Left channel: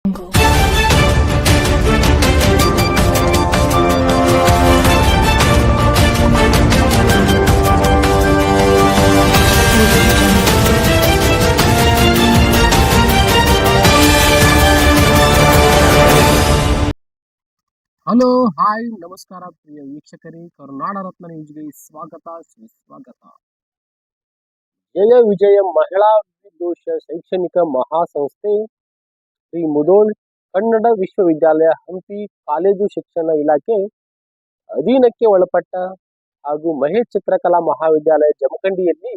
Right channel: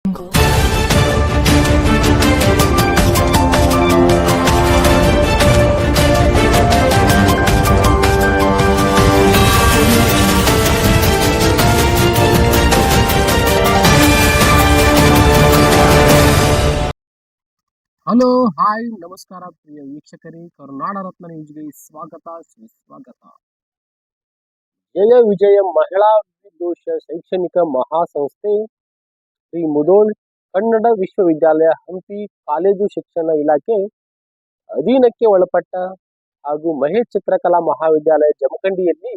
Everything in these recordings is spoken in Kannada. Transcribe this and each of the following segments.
ಹಲೋ, ಹಾಯ್, ನಮಸ್ಕಾರ ಪ್ರಿಯ ವೀಕ್ಷಕರೇ. ಕರುನಾಡ ರತ್ನ ನ್ಯೂಸ್ಗೆ ಸ್ವಾಗತ, ಸುಸ್ವಾಗತ. ಜಯ ವಿಜಯ ಮಹಿಳಾ ವಿದೋಷ ಶೈಕ್ಷಣಿಕ ಮಹಾಸಂಸ್ಥೆ ಶ್ರೀ ಮುಧೋಳ್ ಕನ್ನಡ ವಿಶ್ವವಿದ್ಯಾಲಯ ಹಂಪಿ ಕಾಲೇಜು ಶಿಕ್ಷಣ ಇಲಾಖೆ ಅಧೀನಕ್ಕೆ ಒಳಪಟ್ಟ ಹಾಗೂ ಮಹೇಶ್ ಚಿತ್ರಕಲಾ ಮಹಾವಿದ್ಯಾಲಯ ಜಮಖಂಡಿಯಲ್ಲಿ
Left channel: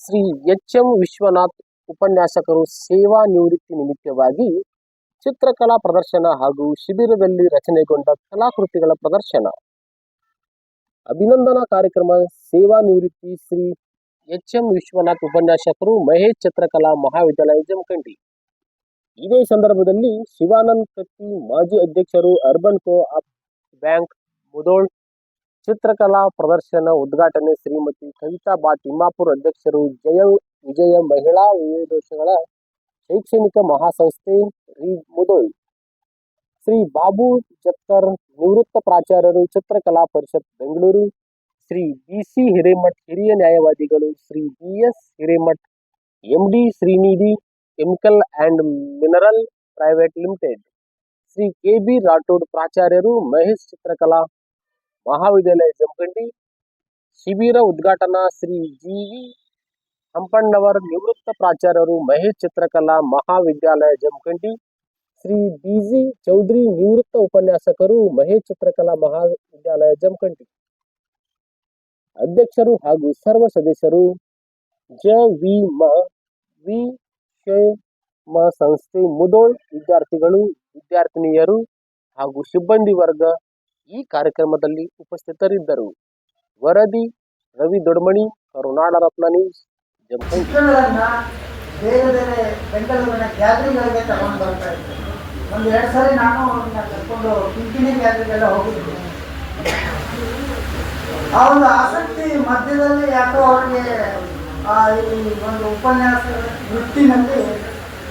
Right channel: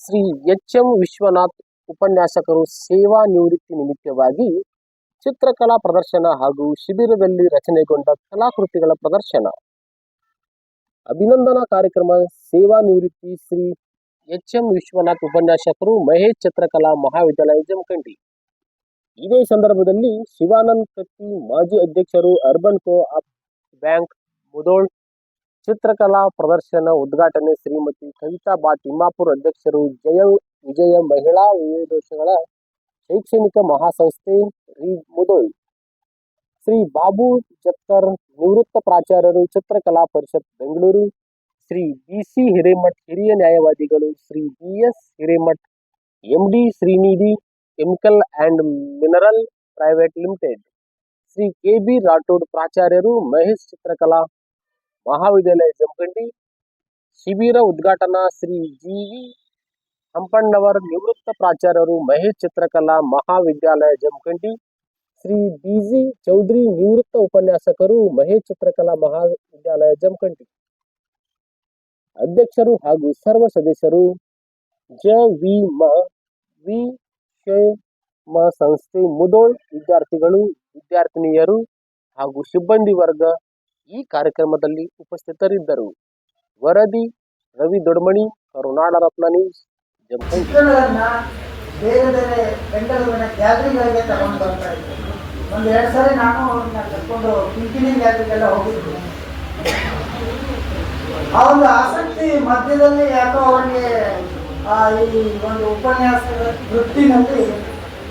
ಶ್ರೀ ಎಚ್.ಎಂ. ವಿಶ್ವನಾಥ್ ಉಪನ್ಯಾಸಕರು ಸೇವಾ ನಿವೃತ್ತಿ ನಿಮಿತ್ತವಾಗಿ ಚಿತ್ರಕಲಾ ಪ್ರದರ್ಶನ ಹಾಗೂ ಶಿಬಿರದಲ್ಲಿ ರಚನೆಗೊಂಡ ಕಲಾಕೃತಿಗಳ ಪ್ರದರ್ಶನ. ಅಭಿನಂದನಾ ಕಾರ್ಯಕ್ರಮ. ಸೇವಾ ನಿವೃತ್ತಿ ಶ್ರೀ ಎಚ್.ಎಂ. ವಿಶ್ವನಾಥ್ ಉಪನ್ಯಾಸಕರು, ಮಹೇಶ್ ಚಿತ್ರಕಲಾ ಮಹಾವಿದ್ಯಾಲಯ ಜಮಖಂಡಿ. ಇದೇ ಸಂದರ್ಭದಲ್ಲಿ ಶಿವಾನಂದ್ ಕತ್ತಿ, ಮಾಜಿ ಅಧ್ಯಕ್ಷರು, ಅರ್ಬನ್ ಕೋ-ಆಪ್ ಬ್ಯಾಂಕ್ ಮುಧೋಳ್ ಚಿತ್ರಕಲಾ ಪ್ರದರ್ಶನ ಉದ್ಘಾಟನೆ ಶ್ರೀಮತಿ ಕವಿತಾ ಬಾ ತಿಮ್ಮಾಪುರ್, ಅಧ್ಯಕ್ಷರು, ಜಯ ವಿಜಯ ಮಹಿಳಾ ವಿದೋಷಗಳ ಶೈಕ್ಷಣಿಕ ಮಹಾಸಂಸ್ಥೆ ಮುಧೋಳ್. ಶ್ರೀ ಬಾಬು ಜತ್ತರ್, ನಿವೃತ್ತ ಪ್ರಾಚಾರ್ಯರು, ಚಿತ್ರಕಲಾ ಪರಿಷತ್ ಬೆಂಗಳೂರು. ಶ್ರೀ ಬಿ.ಸಿ. ಹಿರೇಮಠ್, ಹಿರಿಯ ನ್ಯಾಯವಾದಿಗಳು. Shri B S. Hiremath, M D. Srinidhi chemical and mineral private limited. Shri K B. Rathod, ಪ್ರಾಚಾರ್ಯರು, ಮಹೇಶ್ ಚಿತ್ರಕಲಾ ಮಹಾವಿದ್ಯಾಲಯ ಜಮಖಂಡಿ. ಶಿಬಿರ ಉದ್ಘಾಟನಾ ಶ್ರೀ ಜಿ.ವಿ. ಹಂಪಣ್ಣವರ್, ನಿವೃತ್ತ ಪ್ರಾಚಾರ್ಯರು, ಮಹೇಶ್ ಚಿತ್ರಕಲಾ ಮಹಾವಿದ್ಯಾಲಯ ಜಮಖಂಡಿ. ಶ್ರೀ ಬಿ.ಜಿ. ಚೌಧರಿ, ನಿವೃತ್ತ ಉಪನ್ಯಾಸಕರು, ಮಹೇಶ್ ಚಿತ್ರಕಲಾ ಮಹಾವಿದ್ಯಾಲಯ ಜಮಖಂಡಿ. ಅಧ್ಯಕ್ಷರು ಹಾಗೂ ಸರ್ವ ಸದಸ್ಯರು. ವಿ.ಕ್ಷೇಮ ಸಂಸ್ಥೆ ಮುಧೋಳ್ ವಿದ್ಯಾರ್ಥಿಗಳು, ವಿದ್ಯಾರ್ಥಿನಿಯರು ಹಾಗೂ ಸಿಬ್ಬಂದಿ ವರ್ಗ ಈ ಕಾರ್ಯಕ್ರಮದಲ್ಲಿ ಉಪಸ್ಥಿತರಿದ್ದರು. ವರದಿ ರವಿ ದೊಡ್ಮನಿ, ಕರುನಾಡ ರತ್ನ ನ್ಯೂಸ್, ಜಮಖಂಡಿ. ಬೇರೆ ಬೇರೆ ಬೆಂಗಳೂರಿನ ಗ್ಯಾಲರಿಗಳಿಗೆ ತಗೊಂಡು ಬರ್ತಾ ಇದ್ದೆ. ಒಂದು 2 ಸಾರಿ ನಾನು ಕರ್ಕೊಂಡು ಪಿಂಪಿಣಿ ಗ್ಯಾಲರಿಗೆಲ್ಲ ಹೋಗಿದ್ದೆ. ಆ ಒಂದು ಆಸಕ್ತಿ ಮಧ್ಯದಲ್ಲಿ ಯಾಕೋ ಅವರಿಗೆ ಈ ಒಂದು ಉಪನ್ಯಾಸದ ವೃತ್ತಿನಲ್ಲಿ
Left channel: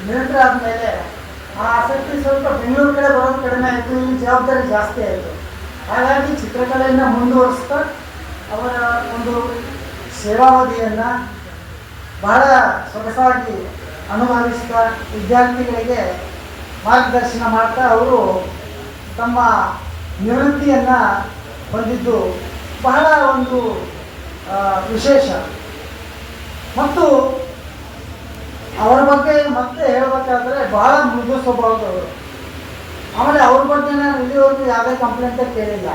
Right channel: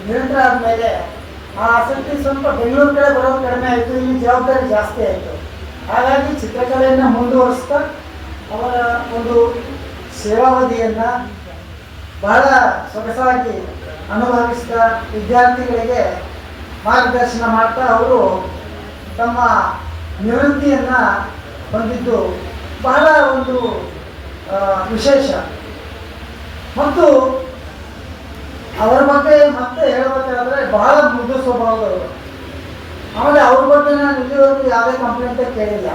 ನಿರಂತರ ಆದಮೇಲೆ ಆ ಆಸಕ್ತಿ ಸ್ವಲ್ಪ ಬೆಂಗಳೂರು ಕಡೆ ಬರೋದು ಕಡಿಮೆ ಆಯಿತು, ಈ ಜವಾಬ್ದಾರಿ ಜಾಸ್ತಿ ಆಯಿತು. ಹಾಗಾಗಿ ಚಿತ್ರಕಲೆಯನ್ನು ಮುಂದುವರಿಸ್ತಾ ಅವರ ಒಂದು ಸೇವಾವಧಿಯನ್ನು ಬಹಳ ಸೊಗಸಾಗಿ ಅನುಭವಿಸಿದ ವಿದ್ಯಾರ್ಥಿಗಳಿಗೆ ಮಾರ್ಗದರ್ಶನ ಮಾಡ್ತಾ ಅವರು ತಮ್ಮ ನಿವೃತ್ತಿಯನ್ನು ಹೊಂದಿದ್ದು ಬಹಳ ಒಂದು ವಿಶೇಷ. ಮತ್ತು ಅವರ ಬಗ್ಗೆ ಮತ್ತೆ ಹೇಳಬೇಕಾದ್ರೆ ಬಹಳ ಮೃದು ಸ್ವಭಾವದವರು. ಆಮೇಲೆ ಅವ್ರ ಬಗ್ಗೆ ನಾನು ಇಲ್ಲಿವರೆಗೂ ಯಾವುದೇ ಕಂಪ್ಲೇಂಟೇ ಕೇಳಿಲ್ಲ.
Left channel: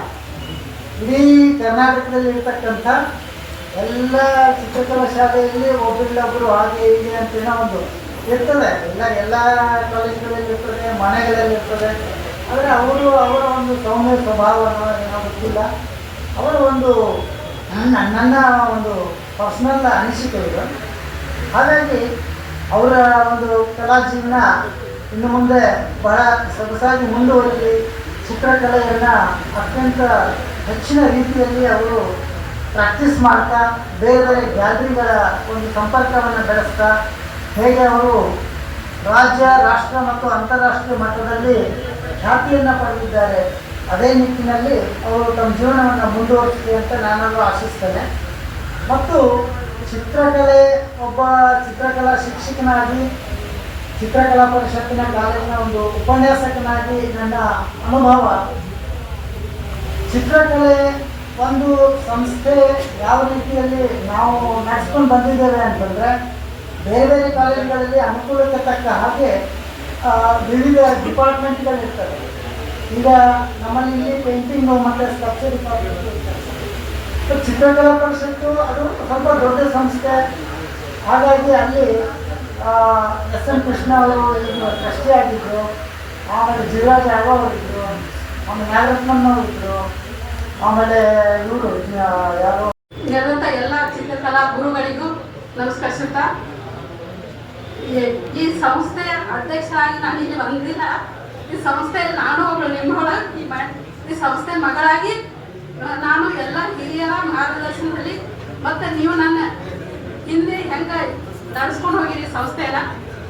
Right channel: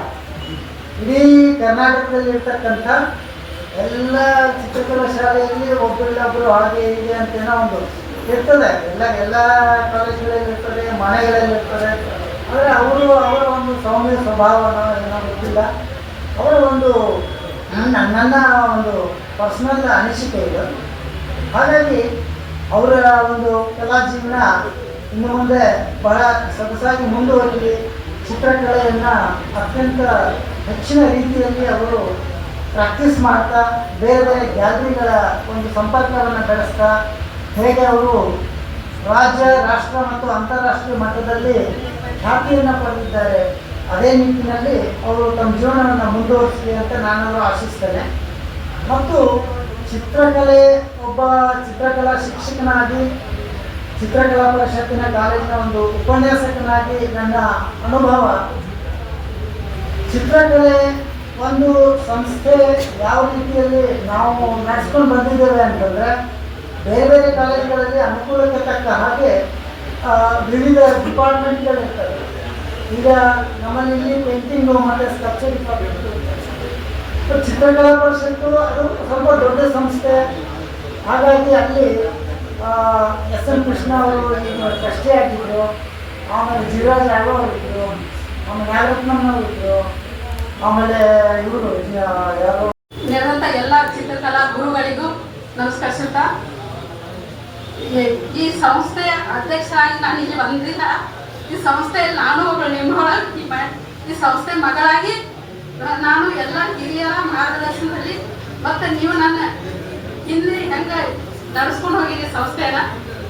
ಇಡೀ ಕರ್ನಾಟಕದಲ್ಲಿ ಇರ್ತಕ್ಕಂಥ ಎಲ್ಲ ಚಿತ್ರಕಲಾ ಶಾಲೆಯಲ್ಲಿ ಒಬ್ಬರಿಲ್ಲೊಬ್ಬರು ಹಾಗೆ ಹೀಗೆ ಅಂತೇನೋ ಒಂದು ಇರ್ತದೆ. ಎಲ್ಲ ಕಾಲೇಜುಗಳಲ್ಲಿ ಇರ್ತದೆ, ಮನೆಗಳಲ್ಲಿ ಇರ್ತದೆ. ಆದರೆ ಅವರ ಒಂದು ಸೌಮ್ಯ ಸ್ವಭಾವವನ್ನು ಏನೋ ಗೊತ್ತಿಲ್ಲ. ಅವರ ಒಂದು ನನ್ನ ಒಂದು ಪರ್ಸನಲ್ ಅನಿಸಿಕೆ ಇದೆ. ಹಾಗಾಗಿ ಅವರ ಒಂದು ಕಲಾ ಜೀವನ ಇನ್ನು ಮುಂದೆ ಬಹಳ ಸೊಗಸಾಗಿ ಮುಂದುವರಿಲಿ. ಚಿತ್ರಕಲೆಯನ್ನು ಅತ್ಯಂತ ಹೆಚ್ಚಿನ ರೀತಿಯಲ್ಲಿ ಅವರು ಪ್ರಾಕ್ಟೀಸ್ ಮಾಡ್ತಾ ಬೇರೆ ಬೇರೆ ಗ್ಯಾಲರಿಗಳ ಒಂದು ಸಂಪರ್ಕವನ್ನು ಬೆಳೆಸ್ತಾ ಹೇಗೆ ಅವರು ರಾಜ್ಯ, ರಾಷ್ಟ್ರ ಮತ್ತು ಅಂತಾರಾಷ್ಟ್ರೀಯ ಮಟ್ಟದಲ್ಲಿ ಖ್ಯಾತಿಯನ್ನು ಪಡೆದಿದ್ದಾರೆ, ಅದೇ ನಿಟ್ಟಿನಲ್ಲಿ ಅವರು ತಮ್ಮ ಜೀವನವನ್ನು ಮುಂದುವರಿಸಲಿ ಅಂತ ನಾನು ಆಶಿಸ್ತೇನೆ. ಮತ್ತು ಚಿತ್ರಕಲೆ, ಒಬ್ಬ ಚಿತ್ರಕಲಾ ಶಿಕ್ಷಕನಾಗಿ, ಚಿತ್ರಕಲಾ ಪರಿಷತ್ತಿನ ಕಾಲೇಜಿನ ಒಂದು ಉಪನ್ಯಾಸಕನಾಗಿ ನನ್ನ ಅನುಭವ, ಚಿತ್ರಕಲೆ ಒಂದು ಸಂಸ್ಥೆ ಯಾವ ರೀತಿಯಲ್ಲಿ ನಾವು ನಡೆಸ್ಕೊಂಡು ಬಂದಿದ್ದೇವೆ ಅಂತಂದರೆ, ಬೇರೆ ಬೇರೆ ಕಾಲೇಜುಗಳಲ್ಲಿ ಅನುಕೂಲಕ್ಕೆ ತಕ್ಕ ಹಾಗೆ ವಿವಿಧ ಡಿಪಾರ್ಟ್ಮೆಂಟ್ಗಳಿರ್ತವೆ. ಈಗ ನಮ್ಮಲ್ಲಿ ಇಲ್ಲಿ ಪೇಂಟಿಂಗು ಮತ್ತು ಸ್ಕಲ್ಪ್ಚರ್ ಡಿಪಾರ್ಟ್ಮೆಂಟ್ ಇರ್ತದೆ. ಚಿತ್ರಕಲಾ ಪರಿಷತ್ತು ಅದು ಸ್ವಲ್ಪ ದೊಡ್ಡ ಸಂಸ್ಥೆ. ಹಾಗಾಗಿ ಅಲ್ಲಿ ಎಸ್.ಎಂ. ಕೃಷ್ಣ ಅವರು ಟ್ರಸ್ಟಿ ಆಗಿದ್ದರು, ಆಮೇಲೆ ಜಿರಾಜ್ ರಾಘವ್ ಅವರಿದ್ದರು, ಆಮೇಲೆ ನಾಗರತ್ನಮ್ಮನವರು ಇದ್ದರು, ಆಮೇಲೆ ಇವರು ಯಾರು ನೆರೆದಂಥ ಎಲ್ಲ ಚಿತ್ರಕಲಾ ಗುರುಗಳಿಗೂ ನಮಸ್ಕರಿಸುತ್ತಾ, ಈ ಸಂಸ್ಥೆ ಅಧ್ಯಕ್ಷರಾಗಿ ನಾನು ಇಲ್ಲಿ ಬಂದಿಲ್ಲ. ಈ ಸಂಸ್ಥೆಯಲ್ಲಿ ನಾನು ಒಬ್ಬಳು ನಿಮ್ಮೊಳಗೆ ಈ ಸಂಸ್ಥೆ ಮಗಳಾಗಿ ನಾನು ಎಲ್ಲ ಹಿರಿಯರ ಮಾರ್ಗದರ್ಶನದಲ್ಲಿ ಮತ್ತು ನೀವು ನನ್ನ ಹಿಂದೆ ಹೆಂಗೆ ನಡೆಸ್ಕೊಂಡು ಹೋಗಿರಿ ಸಂಸ್ಥೆನ,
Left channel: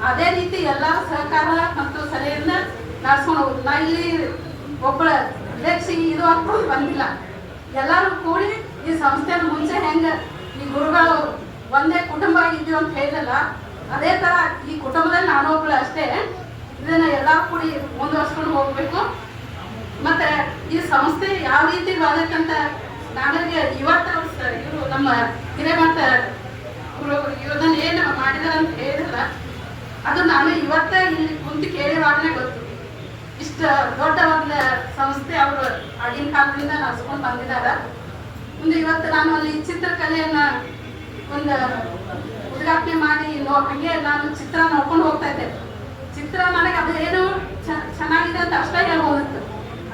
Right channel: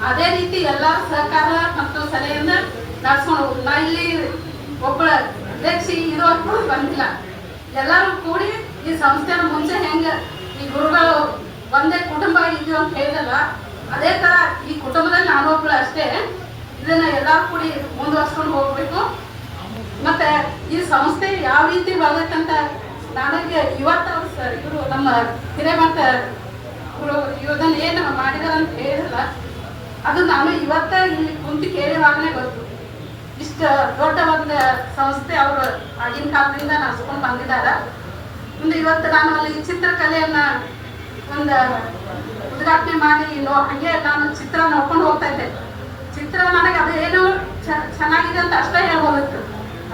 ಅದೇ ರೀತಿ ಎಲ್ಲ ಸಹಕಾರ ಮತ್ತು ಸಲಹೆಯಿಂದ ನಡ್ಸ್ಕೊಂಡು ಹೋಗುದು. ನಾ ಇಲ್ಲಿ ಒಬ್ಬಳ ಅಧ್ಯಕ್ಷಿ ಇದು ಹಾಕೊಂಡು ಬಂದಿಲ್ಲ. ಎಲ್ಲರೂ ಕೂಡಿ ಈ ಸಂಸ್ಥೆನ ಮುಂಚೆ ಹೆಂಗ ಈ ಗುರುಗಳು ಒಂದೇ ಕುಟುಂಬ ಇದೀವಿ ಅಂತ ಹೇಳಿದಲ್ಲ, ಅದೇ ತರ ಈ ಕುಟುಂಬದಲ್ಲಿ ನಾನು ಒಬ್ಬಳು ಅಷ್ಟೇ. ಇದನ್ನ ಎಲ್ಲರೂ ಕೂಡಿ ಮುಂದುವರ್ಸ್ಕೊಂಡು ಹೋಗ್ಬೇಕು. ಮತ್ತೆ ಈ ಸಂಸ್ಥೆ ಯಾವ ರೀತಿ ಬರಬೇಕಂತ ನನಗೆ ಇವತ್ತು ಇವರು ನಮ್ಮ ಹಿರೇಮಠ ಇದನ್ನ ಏನು ಮಾಡಿದಾರ ಅಂತ ಹೇಳಿದಲ್ಲ, ಅದು ನಾನು ಇವತ್ತ ಇಲ್ಲಿ ಕುಂತು ಕೇಳಿವಾಗಲೇ ಗೊತ್ತು. ಇಷ್ಟ ದೊಡ್ಡ ಒಂದು ಸಂಸ್ಥೆ ಅವರು ಆಗಿನ ಕಾಲದಿಂದ ನಡ್ಸ್ಕೊಂಡು ಬಂದಿದ್ದಾರೆ. ಒಂದು ಇವತ್ತು ನಾನು ಅಲ್ಲಿ ಚಿತ್ರಕಲೆಯನ್ನ ಒಂದು ಉದ್ಘಾಟನೆ ಮಾಡಿ ಹಂಗೆ ನಾನು ಚಿತ್ರ ನೋಡ್ಕೊಂಡು ಹೋಗ್ತಾ ಇದ್ದೆ. ಚಿತ್ರ ನನಗೆ ಅದು ಏನು ಚೆನ್ನಾಗಿದೆ ಅಂತ ಅಷ್ಟೇ ಹೇಳ್ಬೋದಿತ್ತು.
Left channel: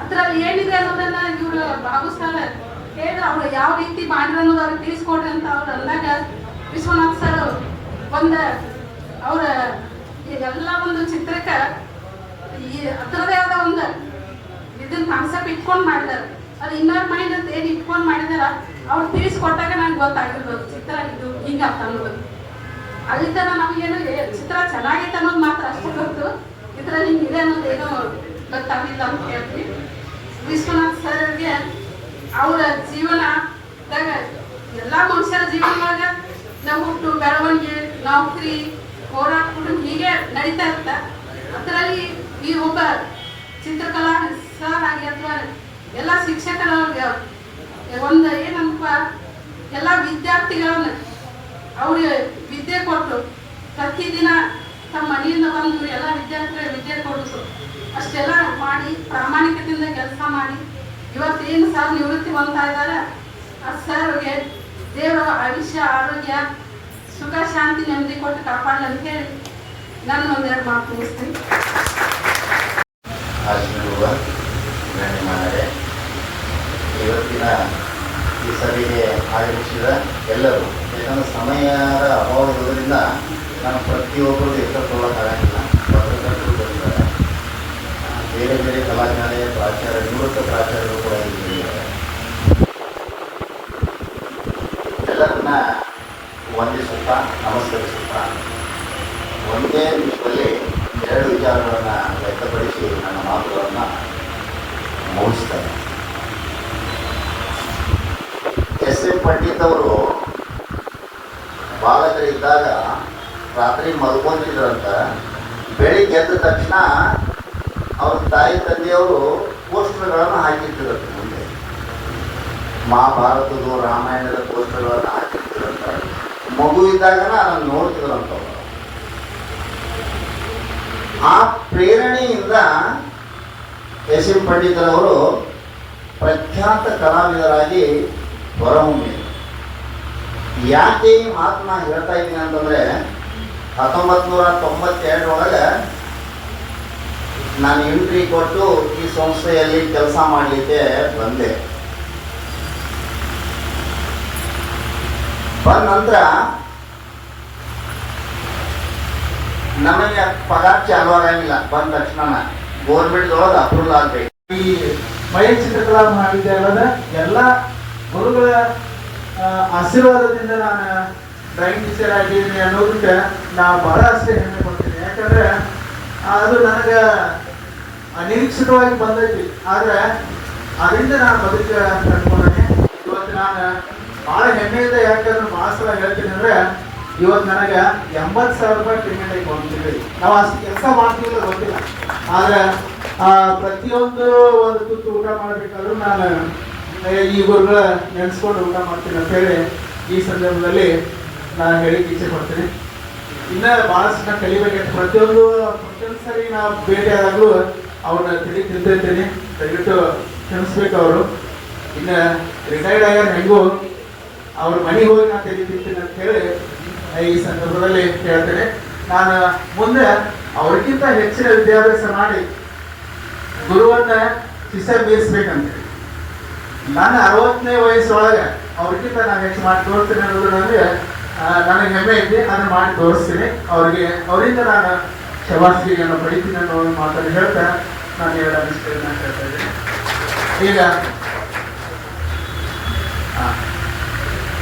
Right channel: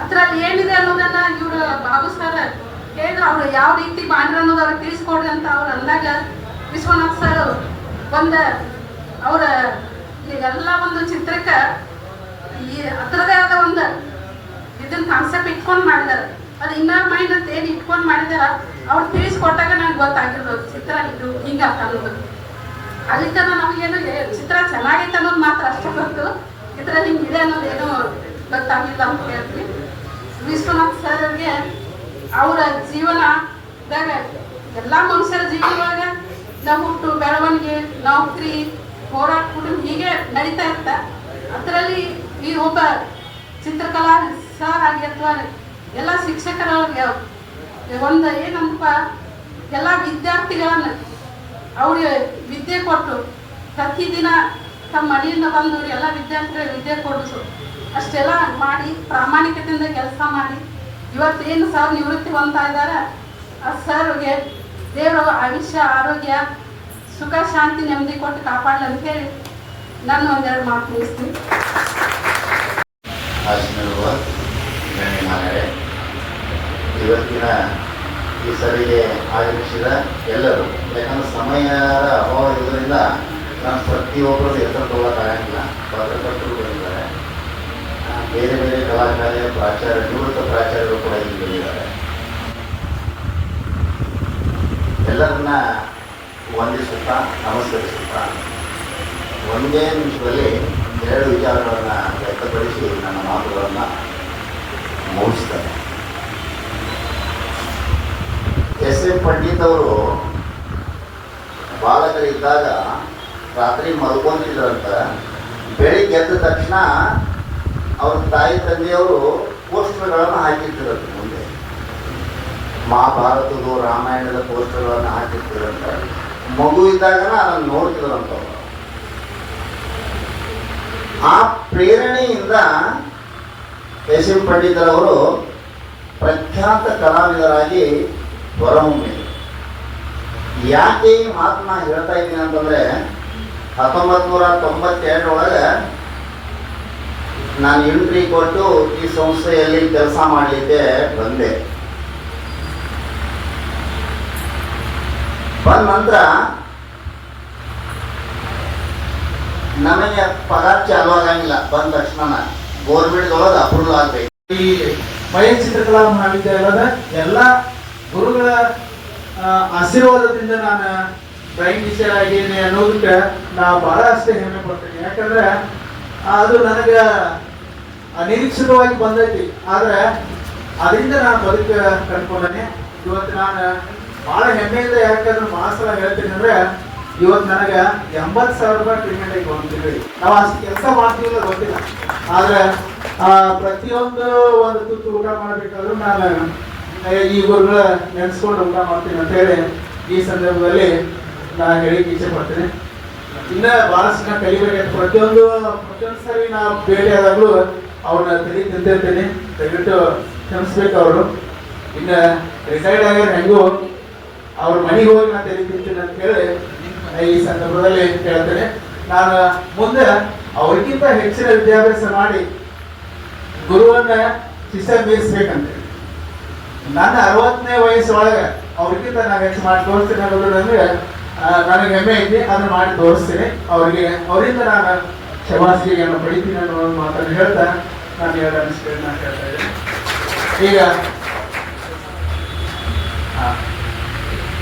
ಅದ್ರಲ್ಲಿ ಏನಿದೆ ಅನ್ನೋದನ್ನ ಇವರು ಭಾಗವಹಿಸ್ತಾರೆ ಹೇಳಿದ್ರೆ ಅವ್ರು ಯಾವ ರೀತಿ ಮಾಡಿದ್ರು ಅನ್ನೋದು ಅವ್ರಿಗೆ ತಿಳಿಸ್ಕೊಡ್ರಿ ಅಂತ ಅವ್ರು ಅಂದಾಗ ವಿಶ್ವನಾಥ್ ಸರ್ ಒಂದು ಅವ್ರ ಈಗೆಲ್ಲ ಒಂದು ಚಿತ್ರಕ್ಕೆ ಈ ಅದರದೇ ಆದ ಒಂದು ಇದನ್ನ ಕಾನ್ಸೆಪ್ಟ್ ಇಟ್ಕೊಂಡು ಮಾಡಿದಾರೆ. ಅದು ಇನ್ನರ್ ಮೈಂಡ್ ಅಂತ ಏನು ಇಟ್ಕೊಂಡು ಮಾಡಿದಾರ ಅವ್ರು ತಿಳಿಸ್ಕೊಟ್ಟಾಗ ನಂಗೆ ಗೊತ್ತಾಗಿರ್ಬೋದು ಚಿತ್ರ ಇದು ಹಿಂಗ ಅನ್ನೋದು. ಅಲ್ಲಿ ತನ ನಮಗೇನು ಚಿತ್ರ ಚೆನ್ನಾಗೈತೆ ಅನ್ನೋದು ಮಾತ್ರ ಅಷ್ಟೇ ಗೊತ್ತು, ಇದ್ರಲ್ಲಿ ಹಿಂಗಿದೆ ಅನ್ನೋದೇನು ಗೊತ್ತಾಗಿಲ್ಲ ಅಂತ ಹೇಳ್ತೀವಿ. ವಿಶ್ವನಾಥ್ ಸರ್ಗೆ ಅವರ ಜೀವನದಾಗ ಎಲ್ಲಾ ಮನುಷ್ಯರ ಜೀವನದೊಳಗೆ ನಾವು ಹುಟ್ಟು ಬೆಳವಣಿಗೆ ನೌಕರಿ ಹೋರಾಟ ಹೀಗೆ ನಡೀತಾ ಇರ್ತ. ಅದರಲ್ಲಿ ಈ ಒಬ್ಬ ಚಿತ್ರಕಲಾ ಸರ್ ಆಗಿ ಅಥವಾ ಎಲ್ಲ ಶಿಕ್ಷಕರವ್ರಿಗೆ ಒಂದು ಏನಂತ ಎಲ್ಲ ವಿದ್ಯಾರ್ಥಿಗಳನ್ನ ಅವ್ರಿಗೆ ವಿದ್ಯೆ ಕೊಟ್ಟು ಪ್ರತಿದಿನ ತಮ್ಮ ಮನೆಯಿಂದ ಬಂದು ಎಲ್ಲ ವಿದ್ಯಾರ್ಥಿಗಳಿಗೆ ವಿದ್ಯೆ ಕೊಡಿಸು ಅಷ್ಟೆಲ್ಲ ಮಾಡಿ ಪ್ರಾಮಾಣಿಕತೆಯಿಂದ ಕೆಲಸ ಮಾಡಿ ಇವತ್ತೇನು ಸರ್ ನಿವೃತ್ತಿ ಹೊಂದ್ತಾ ಇದ್ದಾರೆ ಆ ಸರ್ಗೆ ದೇವರು ಆಯುಷ್ಯ ಆರೋಗ್ಯ ಸುಖ ಶಾಂತಿ ನೆಮ್ಮದಿ ಕೊಟ್ಟು ಕಾಪಾಡಲಿ ಅಂತ ಹೇಳಿ ನಾನು ಒಂದೆರಡು ಮಾತು ಮುಗಿಸ್ತೀನಿ. ಇವತ್ತಿನ ಈ ಸಭೆಗೆ ಆಗಮಿಸಿದ ಎಲ್ಲರೂ, ಯಾಕಂದ್ರೆ ಸಮಯದ ಅಭಾವ ಇರೋದ್ರಿಂದ ನಾನು ಪ್ರತಿಯೊಬ್ಬರು ಹೆಸರು ತಗೊಳ್ಳೋಕ್ಕಾಗಂಗಿಲ್ಲ. ಪತ್ರಕರ್ತರು ಬಂದಿದ್ದಾರೆ, ಬೇರೆ ಬೇರೆ ಕಲಾಶಾಲೆಯ ಪ್ರಾಚಾರ್ಯ ನಿವೃತ್ತ ಪ್ರಾಚಾರ್ಯರು ಕೂಡ ಇಲ್ಲಿ ಬಂದಿದ್ದಾರೆ. ಎಲ್ಲರನ್ನ ವಂದಿಸುತ್ತಾ ನಮಸ್ಕರಿಸುತ್ತಾ ಒಂದೇ ನಿಮಿಷದಲ್ಲಿ 2 ವಿಚಾರಗಳನ್ನು ವ್ಯಕ್ತಪಡಿಸಿ ನನ್ನ ಮಾತುಗಳನ್ನು ಮುಗಿಸ್ತಾರೆ. ಎಸ್ ಎ ಪಂಡಿತ್ ಅವರು ಬಾಲಕರಿದ್ದಾಗ ರಾತ್ರಿ ಮಲ್ಕೊಂಡಿದ್ರಂತ. ಬೆಳಿಗ್ಗೆ ಎದ್ದ ತಕ್ಷಣ ಅವ್ರ ತಾಯಿ ತಂದೆಯವರು ಪೋಸ್ಟರ್ಗಳನ್ನು ಹಾಕಿರ್ತಿರಂತೆ. ಮುಂದೆ ಮಹಾಭಾರತದ ರಾಮಾಯಣದ ಪೋಸ್ಟರ್ಗಳನ್ನು ಹಾಕಿರ್ತಿರಂತೆ. ಮಗು ಇದ್ದಾಗನ ಅದನ್ನು ನೋಡ್ತಿದ್ರಂತವ್ರು. ಆ ಪ್ರೇರಣೆಯಿಂದ ಎಸ್ ಎಂ ಪಂಡಿತರವರು ಪ್ರಖ್ಯಾತ ಕಲಾವಿದರಾಗಿ ಹೊರಹೊಮ್ಮಿದರು. ಯಾಕೆ ಈ ಮಾತನ್ನ ಹೇಳ್ತಾ ಇದ್ದೀನಿ ಅಂತಂದ್ರೆ 1992 ನಾನು ಎಂಟ್ರಿ ಕೊಟ್ಟು ಈ ಸಂಸ್ಥೆಯಲ್ಲಿ ಕೆಲಸ ಮಾಡಲಿಕ್ಕೆ ಬಂದೆ. ಬಂದ ನಂತರ ನಮಗೆ ಪಗಾರ ಚಾಲು ಆಗಂಗಿಲ್ಲ. ಬಂದ ತಕ್ಷಣ ಗೋರ್ಮೆಂಟ್ದೊಳಗೆ ಅಪ್ರೂವಲ್ ಆಗ್ಬೇಕು. ಈ ವೈಯಕ್ತಿಕ ಮಹಾವಿದ್ಯಾಲಯದ ಎಲ್ಲ ಗುರುಗಳ ಆಶೀರ್ವಾದದಿಂದ ನಾನು ಡ್ರಾಯಿಂಗ್ ಟೀಚರ್ ಆಗಿದ್ದೀನಿ ಅನ್ನೋದಕ್ಕೆ ನಾವು ಬಹಳ ಅಷ್ಟೇ ಹೆಮ್ಮೆ ಪಡ್ತೀನಿ. ಯಾಕಂದ್ರೆ ಅದು ನನಗೆ ಅನಿರೀಕ್ಷಿತವಾಗಿ ಬಂದೈತಿ. ಆದ್ರೆ ಅದರಿಂದ ನಾನು ಬದುಕ ಕಂಡ್ಕೊಂಡೇನೆ. ಇವತ್ತು ನಾನು ಬಹಳ ಹೆಮ್ಮೆಯಿಂದ ಯಾಕಂದ್ರೆ ಬಹಳ ಸಲ ಹೇಳ್ತೀನಿ ಅಂದ್ರೆ, ಇವತ್ತು ನನಗೆ 80,000 ರೂಪಾಯಿ ಪೇಮೆಂಟ್ ಆಗಿ ಬಂದಿದೆ. ನಾವು ಅಷ್ಟು ಕೆಲಸ ಮಾಡ್ತೀವಿಲ್ಲ ಗೊತ್ತಿಲ್ಲ, ಆದ್ರೆ ಪ್ರತಿಯೊಂದು ಒಂದು ತುತ್ತು ಊಟ ಮಾಡ್ಬೇಕಾದ್ರೂ ನಾನು ಈ ಗುರುಗಳ ನೆನೆಸ್ಕೊಂಡು ಊಟ ಮಾಡ್ತೀನಿ ಅಂತ ಹೇಳಿ ಈ ಸಂದರ್ಭದಲ್ಲಿ ನಾನು ಹೇಳಿಕ್ಕೆ ಇಚ್ಛೆ ಪಡ್ತೀನಿ. ಇನ್ನ ಬಹಳಷ್ಟು ನಾನು ಕಲಿಬೇಕು. ಪ್ರತಿಯೊಂದು ಸರಿ ನಾವು ಭೇಟಿ ಆದಾಗಲೂ ಅವ್ರನ್ನ ತಿಂತಿರ್ತೀನಿ. ದಯವಿಟ್ಟು ಕ್ಷಮಿಸ್ಬೇಕು. ಅವರು ಇನ್ನ ರಿಟೈರ್ಡ್ ಆಗ್ಯಾರ, ಹೆಂಗೂ ಅವ್ರ ಮನೆಗೆ ಹೋಗಿ ನಾನು ತಿಂತೀನಿ ಅಂತ ಹೇಳಿ ಈ ಸಂದರ್ಭದಲ್ಲಿ ಹೇಳ್ತೇನೆ. ನಾನು ಮುಂದೆ ಅವ್ರಿಗಿಂತ ಹೆಚ್ಚಿನ ವಿದ್ಯಾಭ್ಯಾಸ ಮಾಡಿ ಗುರುವನ್ನ ಶಿಷ್ಯ ಬೀರಿಸ್ಬೇಕಂತ ನನ್ನ 60ನೇ ವಯಸ್ಸೊಳಗೆ ಅವ್ರಿಗಿಂತ ನಾನು ಹೆಚ್ಚು ಮಾಡಿ ತೋರಿಸ್ತೀನಿ ಅನ್ನೋದು ನನಗೆ ಹೆಮ್ಮೆ ಐತಿ. ಅದನ್ನು ಮಾಡಿ ತೋರಿಸ್ತೀನಿ. ಅವರಿಂದ ನಾನು ಶಬಾಷ್ಟಿಗೆಯನ್ನು ಪಡಿತೀನಿ ಅನ್ನೋ ಮಾತನ್ನು ಹೇಳ್ತಾ ನಾನು ಇವರ ಅನಿಸಿಕೆಯನ್ನು ಹೇಳ್ತಾ ಇದ್ದೀನಿ. ಈಗ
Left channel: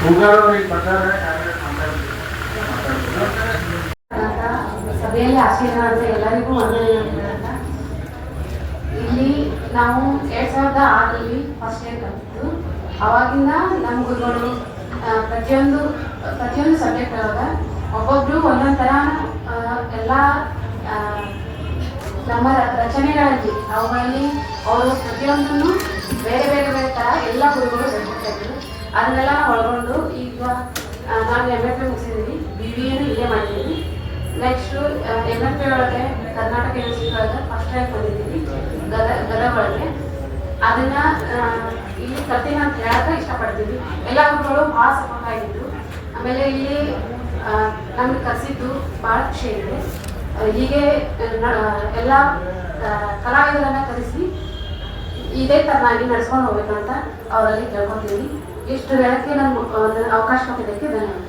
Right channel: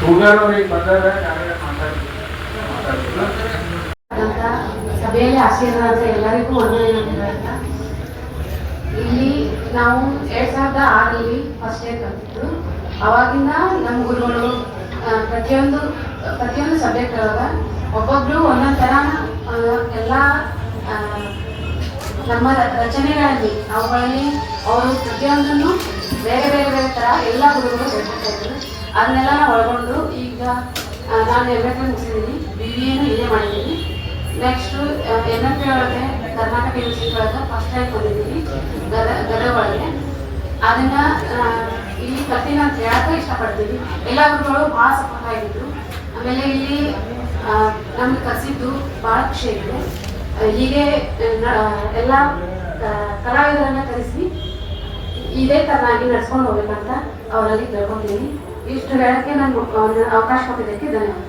ಹೂಗಾರವ್ರಿಗೆ ಬಂದಾಗ ಸಭೆಯಲ್ಲಿ ಆಶೀರ್ವಾದ ಎಲ್ಲರಿಗೂ ಇಲ್ಲಿ ನಾವು 2006ರಲ್ಲಿ ಫಸ್ಟ್ ಇಯರ್ ಕಲಿತಿದ್ದು. ಅವಾಗಿಂದ ನಮ್ಮ ಗುರುಗಳು ಪ್ರತಿಯೊಂದು ಸಬ್ಜೆಕ್ಟ್ ಅದಾವ. ಒಬ್ಬೊಬ್ರು ಒಂದೊಂದು ಥರ ಎಲ್ಲ ನಮ್ಮ ರಚನೆಗಳಲ್ಲಿ ಅವುಗಳಲ್ಲಿ ಅವರು ಪ್ರತಿಯೊಂದನ್ನು ಬೇರೆ ಬೇರೆ ಬೇರೆ ಥರ ಎಲ್ಲ ಗುರುಗಳು ಹೇಳ್ಕೊಡ್ತಾ ಇದ್ರು. ಅದನ್ನೆಲ್ಲ ನಾವು ಒಳಗೊಂಡು ಈಗ ನಾನು MFA ಮುಗಿಸಿದ್ದೀನಿ, BBA ಇಲ್ಲೇ ಮಾಡಿದ್ದೀನಿ. ನೆಕ್ಸ್ಟು MFA ಒಳಗೆ ಕರ್ನಾಟಕ ಯೂನಿವರ್ಸಿಟಿ ಒಳಗೆ ಫಸ್ಟ್ ರ್ಯಾಂಕ್ ಬಂದಿದ್ದೀನಿ ಗದಗ ಒಳಗೆ. ಅದನ್ನ ಇಲ್ಲಿ ಕಲ್ತೀನಿ ಅಂತ ಹೇಳಕ್ಕೆ ಇಷ್ಟಪಡ್ತೀನಿ. ಎಲ್ಲ ಗುರುಗಳು ಭಾಳ ಸಪೋರ್ಟ್ ಆಗಿದ್ರು. ಆಮೇಲೆ ಇಲ್ಲಿ ನಮ್ಗೆ ಕಲಿಸಿದ್ದು ಭಾಳ ಖುಷಿ ಇದೆ. ಹೀಗೆ ಎಲ್ಲ ಕಲಾವಿದರನ್ನ ಕರೆಸಿ ಇದೇ ಥರನಾಗಿ ನಡ್ಸ್ಕೊಂಡು ಹೋಗ್ಬೇಕಂತ ಅವರಲ್ಲಿ ಕೇಳ್ಕೊತೀನಿ. ಇಷ್ಟು ಹೇಳಕ್ಕೆ ನಾನು ಅವಕಾಶ ಕೊಟ್ಟಿದ್ದಕ್ಕೆ ಧನ್ಯವಾದ.